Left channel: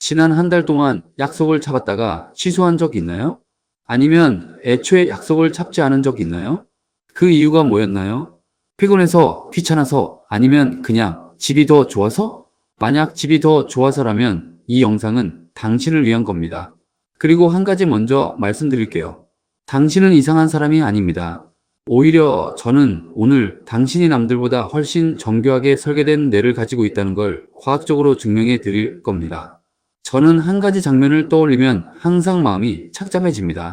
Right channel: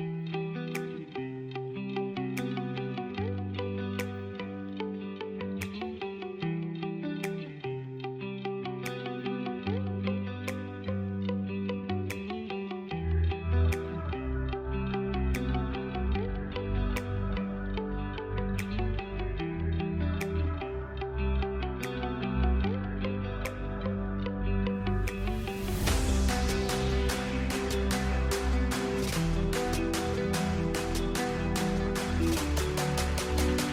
지난 한 달 동안 약속을 잡았다가 취소한 적 있나요? 아니면 애초에 약속을 잡지 않은 적 있나요? 그 이유가 뭐였나요? 피곤해서, 귀찮아서, 아니면 그냥 집이 더 좋아서? 만약 집이 더 좋아서라면 이 영상은 당신을 위한 겁니다. 그리고 한 가지 먼저 말씀드릴게요. 당신은 이상한 사람이 아닙니다. 오히려 저는 오늘 당신이 남들보다 훨씬 정교하게 설계된 뇌를 가지고 있다는 걸 과학적으로 증명해 드릴 겁니다. 저는 한 가지 장면을 떠올리면 항상 마음이 착잡해집니다.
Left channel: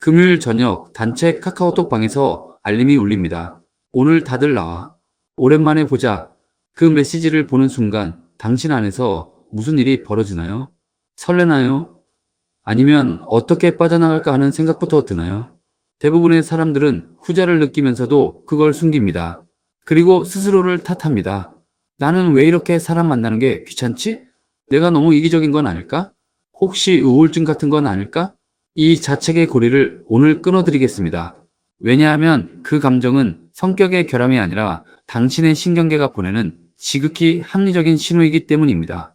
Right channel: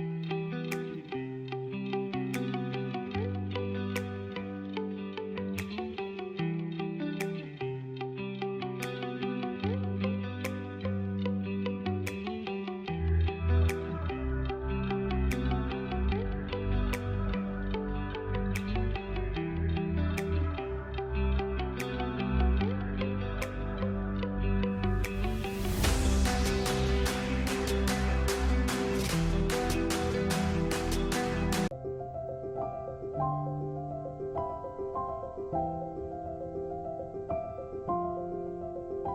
금요일 저녁 단체 카카오톡 방에서 알림이 울립니다. 오늘 다들 나와. 오랜만에 보자. 그 메시지를 보는 순간 당신 안에서 무슨 일이 벌어지나요? 설레나요? 아니면 어떻게 빠져나갈까 하는 생각부터 드나요? 대부분의 사람들은 후자를 느끼면서도 그걸 숨깁니다. 그리고 스스로를 탓합니다. 나는 왜 이렇게 사람 만나는 게 귀찮지? 내가 너무 이기적인 건 아닐까? 혹시 우울증 같은 건 아닐까? 이 자책의 고리를 오늘 끊어드리겠습니다. 왜냐하면 그 감정은 성격의 결함이 아니라 당신의 신경계가 보내는 지극히 합리적인 신호이기 때문입니다.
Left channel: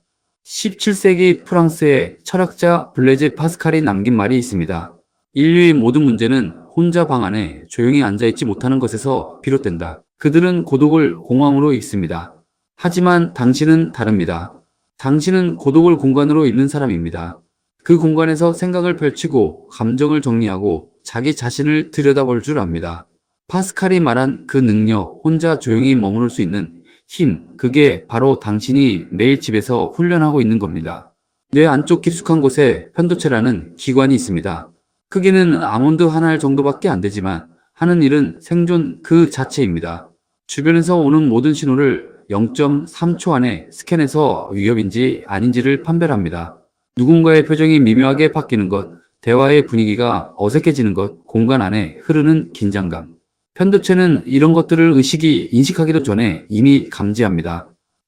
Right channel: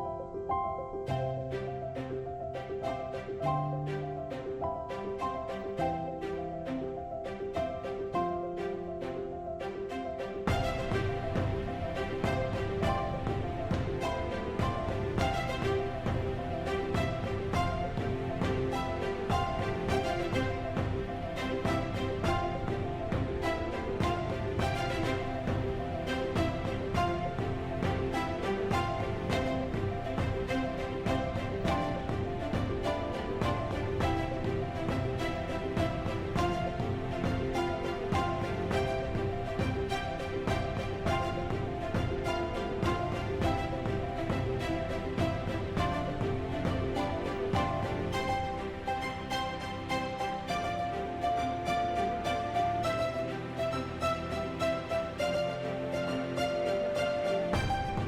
17세기 프랑스의 철학자 블레즈 파스칼이 남긴 말이 있습니다. 인류의 모든 문제는 혼자 방 안에 조용히 앉아있지 못하는 것에서 비롯된다. 그들은 고독을 공황으로 읽습니다. 하지만 당신은 다릅니다. 당신은 고독을 공간으로 읽는 사람입니다. 그 공간에서 생각을 펼치고 감정을 정리하고 자기 자신을 들여다볼 줄 압니다. 파스칼이 말한 그 능력, 혼자 조용히 머무를 수 있는 힘, 그게 바로 당신이 매일 집에서 훈련하고 있는 겁니다. 뇌 안쪽 깊숙한 곳에 편도체라는 기관이 있습니다. 크기는 아몬드 한 알 정도밖에 안 되지만 하는 일은 생존 그 자체입니다. 주변에서 오는 모든 신호를 0.3초 안에 스캔해서 위협인지 아닌지를 판별합니다. 누군가의 표정이 미묘하게 바뀌는 것, 대화의 분위기가 어색해지는 것, 공간 안에 흐르는 긴장감. 편도체는 이런 것들을 의식이 인식하기도 전에 이미 감지합니다.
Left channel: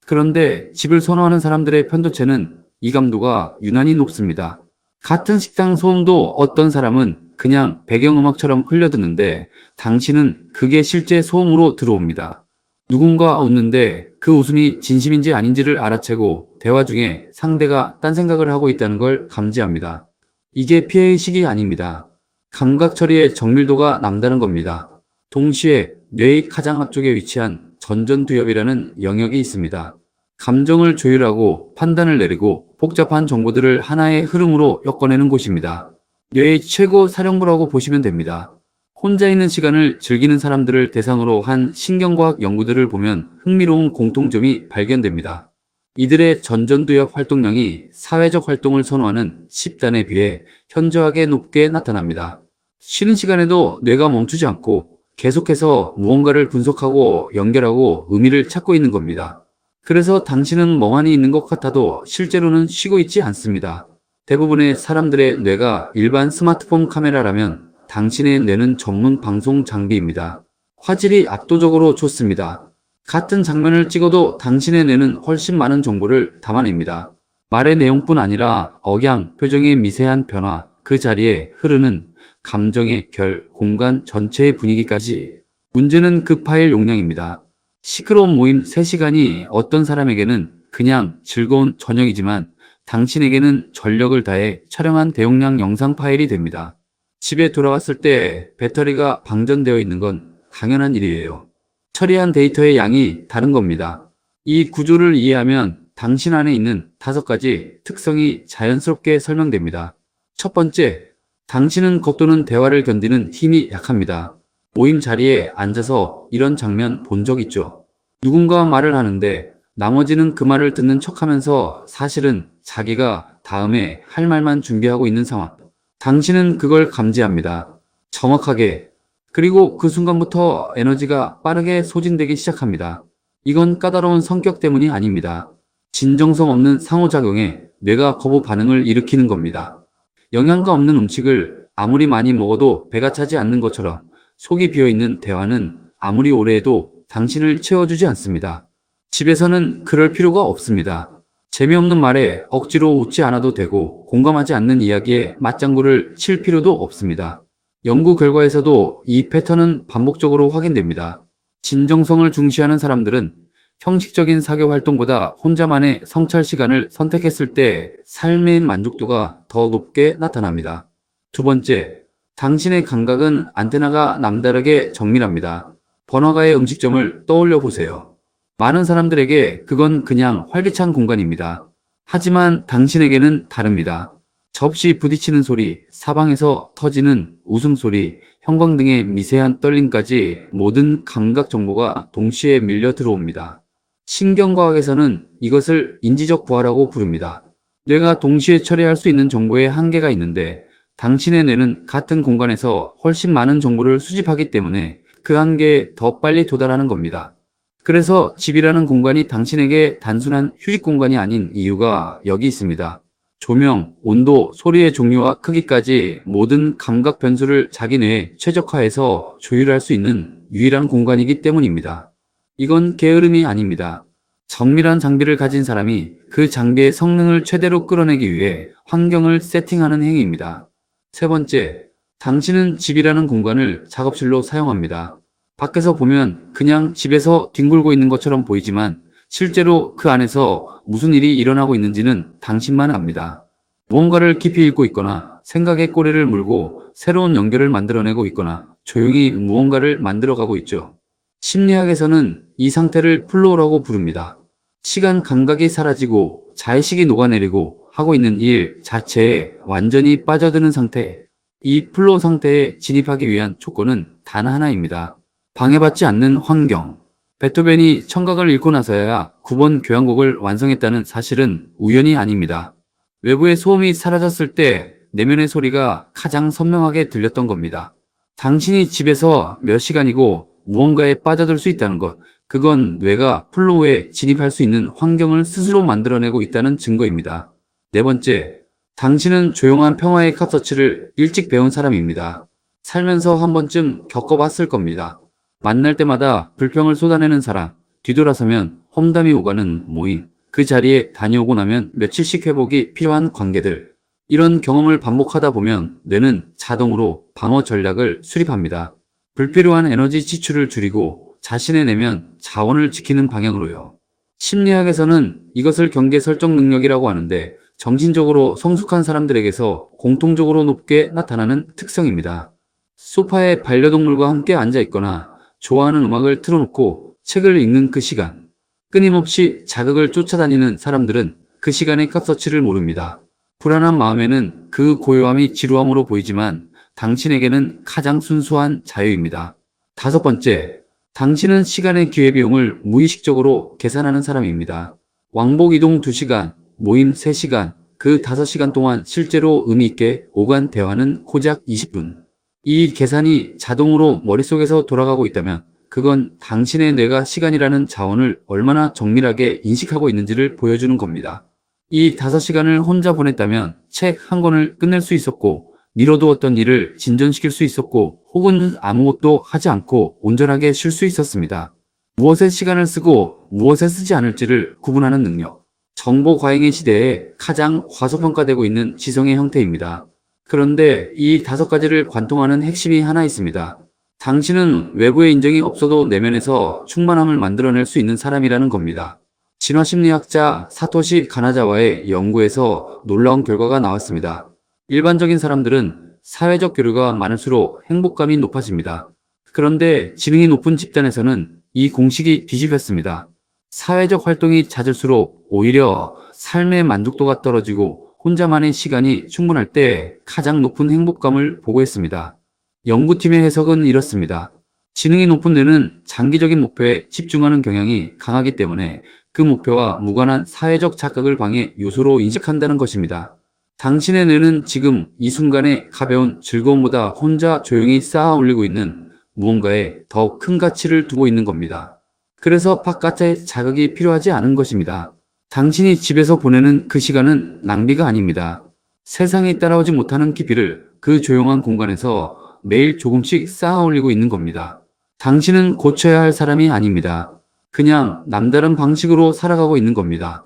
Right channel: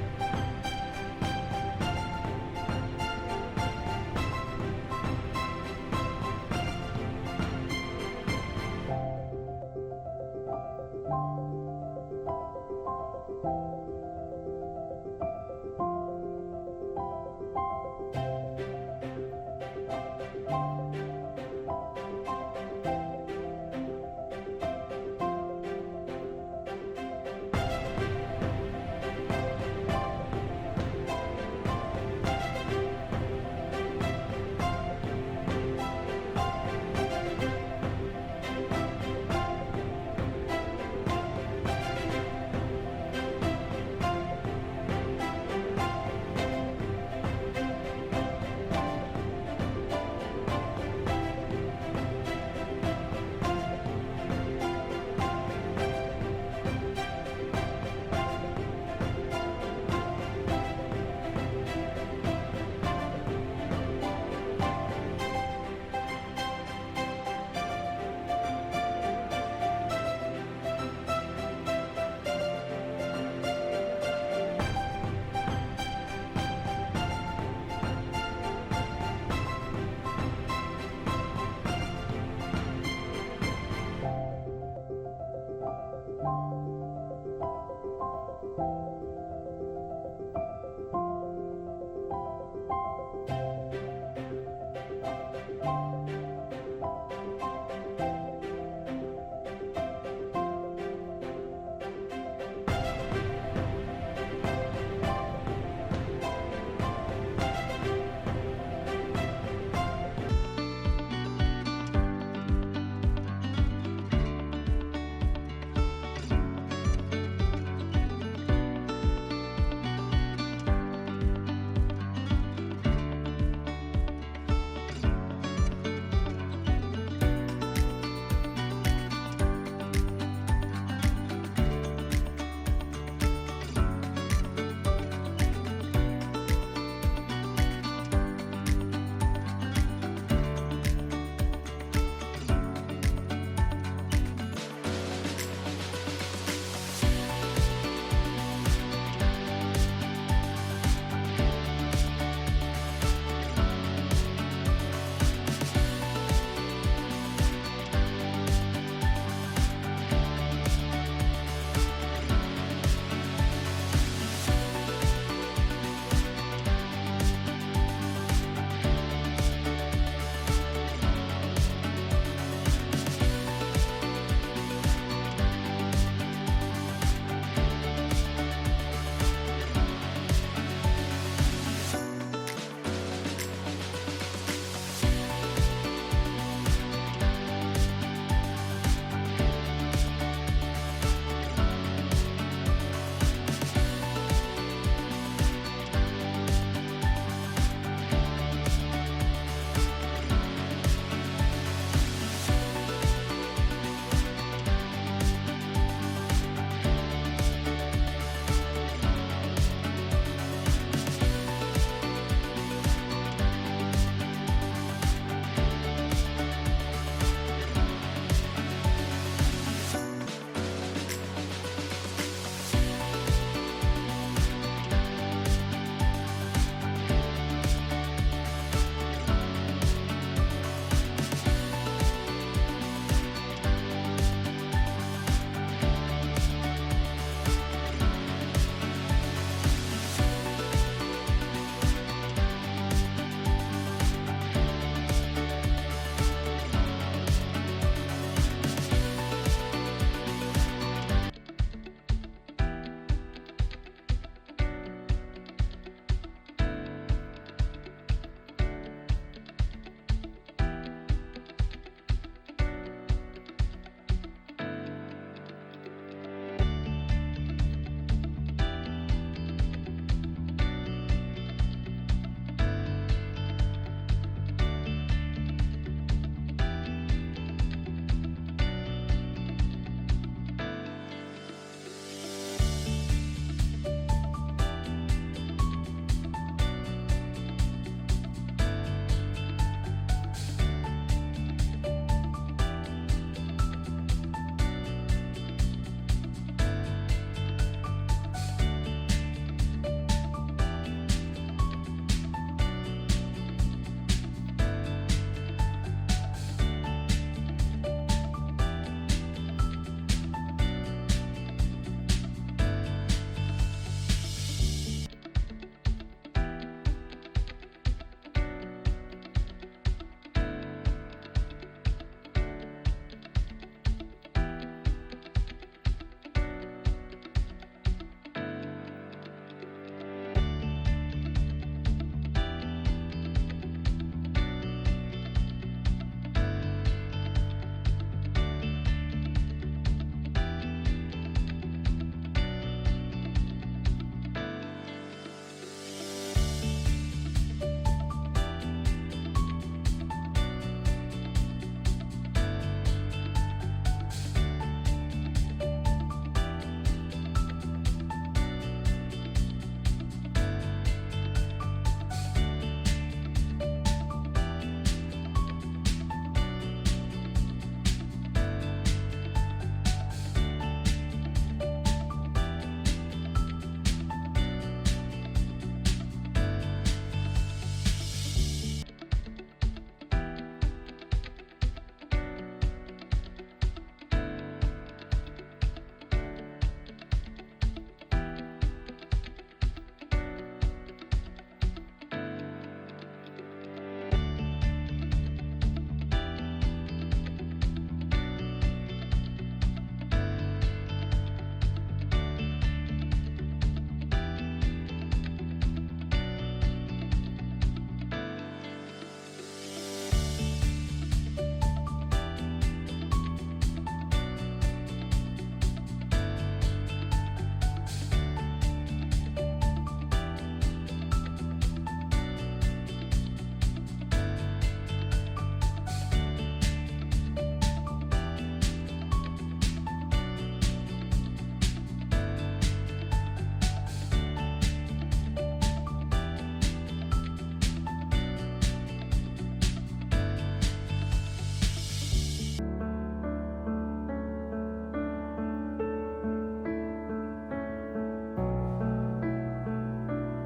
그런데 집을 선호하는 사람들의 편도체는 이 감도가 유난히 높습니다. 같은 식당 소음도 어떤 사람은 그냥 배경음악처럼 흘려듣는데 당신은 그게 실제 소음으로 들어옵니다. 누군가 웃는데 그 웃음이 진심인지 아닌지를 알아채고 대화 중에 상대가 딴 생각을 하고 있다는 걸 감지합니다. 이게 피해의식이 아닙니다. 감각 처리의 정밀도가 남다른 겁니다. 동시에 뇌의 가장 앞쪽에 위치한 전전두엽이라는 영역이 있습니다. 감정을 조율하고 판단을 내리고 복잡한 정보들을 하나의 흐름으로 엮어내는 곳입니다. 뇌의 최고 사령부라고 보시면 됩니다. 혼자 있는 시간을 즐기는 사람들을 대상으로 한 신경과학 연구들을 보면 흥미로운 공통점이 발견됩니다. 이들의 전전두엽 활동량이 사회적 활동을 선호하는 10단에 비해 현저하게 높게 나타납니다. 쉬는 시간에도 뇌가 멈추지 않고 계속해서 무언가를 분석하고 연결하고 의미를 찾고 있는 겁니다. 그래서 당신은 멍하니 있는 것 같아도 실제로는 쉬고 있지 않습니다. 대부분의 사람들의 뇌가 일반 스마트폰 카메라라면 당신의 뇌는 전문 방송 장비입니다. 화질이 압도적으로 좋습니다. 같은 장면을 찍어도 당신의 뇌는 훨씬 많은 정보를 담아냅니다. 말의 내용뿐 아니라 억양, 표정의 미세한 변화, 그 자리에 흐르는 감정의 결, 공간 전체의 분위기까지. 문제는 그 파일 용량입니다. 시끄러운 모임 3시간이 어떤 사람에게는 그냥 즐거운 저녁이지만 당신에게는 전력을 다해 촬영한 대용량 영상 파일이 됩니다. 집에 돌아왔을 때 배터리가 방전되어 있는 건 당연한 일이에요. 처리한 데이터의 양이 다른 겁니다. 이 구조를 이해하면 당신 안에 있는 5가지 특성이 자연스럽게 설명됩니다. 첫 번째, 당신은 겉도는 대화를 견디는 힘이 약합니다. 모임 자리에 앉아서 이런 장면 본 적 있죠? 누군가 말을 하는데 나머지는 그 말을 듣는 척하면서 사실은 자기가 다음에 할 말만 준비하고 있는 상황. 당신은 그걸 감지합니다. 정확하게. 그리고 그 순간부터 에너지가 빠르게 소진되기 시작합니다. 이건 까다로운 성격 때문이 아닙니다. 진정성 없는 상호작용에 뇌가 거부 반응을 일으키는 겁니다. 영양가 없는 음식을 아무리 많이 먹어도 배가 차지 않는 것처럼 속이 비어있는 대화는 아무리 오래 해도 당신을 채워주지 않습니다. 집에서는 그럴 필요가 없습니다. 재미없는 말에 억지로 웃지 않아도 되고 공감하지 않는 이야기에 맞장구를 칠 필요도 없습니다. 연구 결과에서도 이 패턴은 반복적으로 확인됩니다. 진정성을 중시하는 사람들은 형식적인 사교 활동보다 혼자만의 성찰 시간을 선택했을 때 삶의 만족도가 더 높게 나타납니다. 두 번째, 당신의 감각은 안테나가 남다르게 정밀합니다. 번화가의 음식점을 떠올려 보세요. 많은 사람들에게 그건 그냥 활기찬 공간입니다. 하지만 당신에게는 다릅니다. 접시 부딪히는 소리, 사방에서 터지는 웃음소리, 형광등의 미세한 떨림까지 모든 감각 정보가 동시에 밀려 들어옵니다. 신경과학에서는 이것을 인지적 보화라고 부릅니다. 뇌가 동시에 처리할 수 있는 정보에 한계가 있는데 당신의 뇌는 같은 공간에서 훨씬 많은 정보를 수집하기 때문에 그 한계에 더 빨리 도달하는 겁니다. 그래서 집이라는 공간이 당신에게 단순한 휴식 공간이 아닌 이유가 여기 있습니다. 조명, 온도, 소리의 종류와 크기까지 모든 감각 변수를 자기 뇌에 최적화해서 조율할 수 있는 유일한 공간이기 때문입니다. 이건 게으름이 아닙니다. 정밀한 장비를 가진 사람이 그 장비의 성능을 최대로 끌어내기 위해 환경을 세팅하는 행위입니다. 세 번째, 당신은 집이라는 공간을 작업실로 사용합니다. 밖에서 보면 그냥 집에서 뒹굴고 있는 것처럼 보이지만 실제로 그 안에서 무슨 일이 일어나고 있는지는 당신만 압니다. 무언가를 깊이 읽고 있거나 생각의 꼬리를 물고 새로운 연결을 만들어내고 있거나 조용히 무언가를 만들어가고 있죠. 심리학에서는 이 상태를 플로우라고 부릅니다. 시간 감각이 사라지고 자의식이 녹아내리고 하고 있는 일 자체에 완전히 빠져드는 상태. 이 플로우 상태에 진입하기 위한 조건은 단 하나입니다. 방해받지 않는 환경. 베토벤이 청각을 잃고 나서야 9번 교향곡을 완성했다는 사실은 우연이 아닙니다. 외부의 소음이 사라졌을 때 내면의 소리가 가장 선명하게 들렸던 겁니다. 당신이 집에서 몇 시간이고 무언가에 빠져들 수 있다는 것, 그건 뇌가 플로우에 진입할 수 있는 환경을 스스로 만들어내고 있다는 증거입니다. 네 번째, 당신은 조용한 평화의 컵서치를 일찍 배운 사람입니다. 살면서 한 번쯤 겪어봤을 겁니다. 만날 때마다 불평을 쏟아내는 사람, 뒤돌아서면 험담이 오가는 모임, 그 자리에 다녀오고 나면 며칠씩 회복이 필요한 관계들. 이런 경험을 반복하다 보면 뇌는 자동으로 방어 전략을 수립합니다. 불필요한 에너지 지출을 줄이고 자신의 내면 자원을 지키는 방향으로요. 심리학에서는 이것을 경계 설정 능력이라고 하는데 정신적으로 성숙한 사람들에게서 공통적으로 높게 나타나는 특성입니다. 소파에 반려동물과 함께 앉아 있거나 좋아하는 음악을 틀어놓고 책을 읽는 그 시간, 끊임없이 자극을 쫓아다니는 사람들은 그 시간의 값어치를 모릅니다. 불안한 마음에는 그 고요함이 지루함으로 보이지만 당신에게는 가장 순수한 자유입니다. 다섯 번째, 당신은 시간의 기회비용을 무의식적으로 계산하는 사람입니다. 왕복 이동 2시간, 모임 3시간, 그 5시간 동안 실제로 의미있게 오간 대화는 고작 20분. 이 계산이 자동으로 머릿속에서 돌아가고 있다면 그건 당신의 뇌가 시간이라는 자원을 얼마나 정밀하게 인식하고 있는지를 보여주는 겁니다. 이 5시간을 혼자 보냈다면 책 한 권을 끝낼 수 있었고 미뤄두었던 일을 진전시킬 수 있었고 혹은 아무것도 하지 않고 온전하게 쉴 수 있었습니다. 무엇에 시간을 쓰고 무엇에 쓰지 않을지를 구분하는 능력. 정보 과잉의 시대에 가장 과소평가되고 있는 지성의 형태입니다. 그런데 이 5가지를 관통하는 핵심이 하나 있습니다. 당신은 외부의 인정이 없어도 내면에서 충만함을 만들어낼 수 있는 사람이라는 겁니다. 진화심리학자 사토시 가나자와의 연구에서 놀라운 결과가 나왔습니다. 일반적인 사람들은 사회적 교류가 많을수록 행복감이 높아집니다. 그런데 지능이 높은 집단에서는 이 공식이 뒤집혔습니다. 사회적 활동이 잦을수록 오히려 삶의 만족도가 떨어지고 혼자만의 시간이 충분할 때 가장 높은 행복감을 보고했습니다. 연구팀의 해석은 이렇습니다. 지능이 높은 뇌는 장기적인 목표에 집중하는 경향이 강하기 때문에 그 목표와 무관한 사회적 자극을 방해 요소로 인식한다는 것입니다. 당신의 뇌는 지금 이 순간의 가벼운 즐거움보다 혼자 조용히 쌓아 올리고 있는 무언가에 더 큰 가치를 두고 있는 겁니다. 그래서 바깥의 자극이 필요하지 않은 것입니다. 당신이 집에서 보내는 그 시간은 낭비가 아닙니다. 세상이 따라오지 못하는 깊이를 그 조용한 공간에서 매일 조금씩 쌓아 올리고 있는 겁니다. 당신은 고쳐야 할 사람이 아닙니다. 그냥 남다른 방식으로 살아가고 있는 겁니다.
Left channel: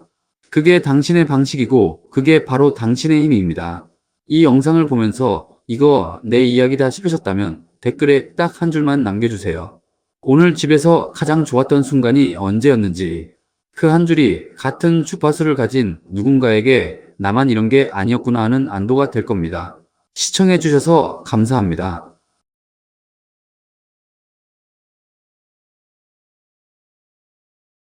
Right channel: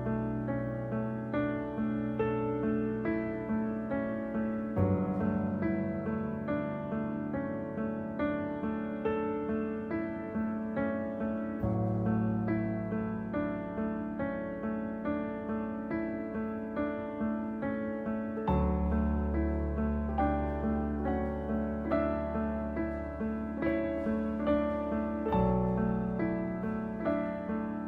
그게 당신의 방식이고 그게 바로 당신의 힘입니다. 이 영상을 보면서 이거 내 이야기다 싶으셨다면 댓글에 딱 한 줄만 남겨주세요. 오늘 집에서 가장 좋았던 순간이 언제였는지, 그 한 줄이 같은 주파수를 가진 누군가에게 나만 이런 게 아니었구나 하는 안도가 될 겁니다. 시청해주셔서 감사합니다.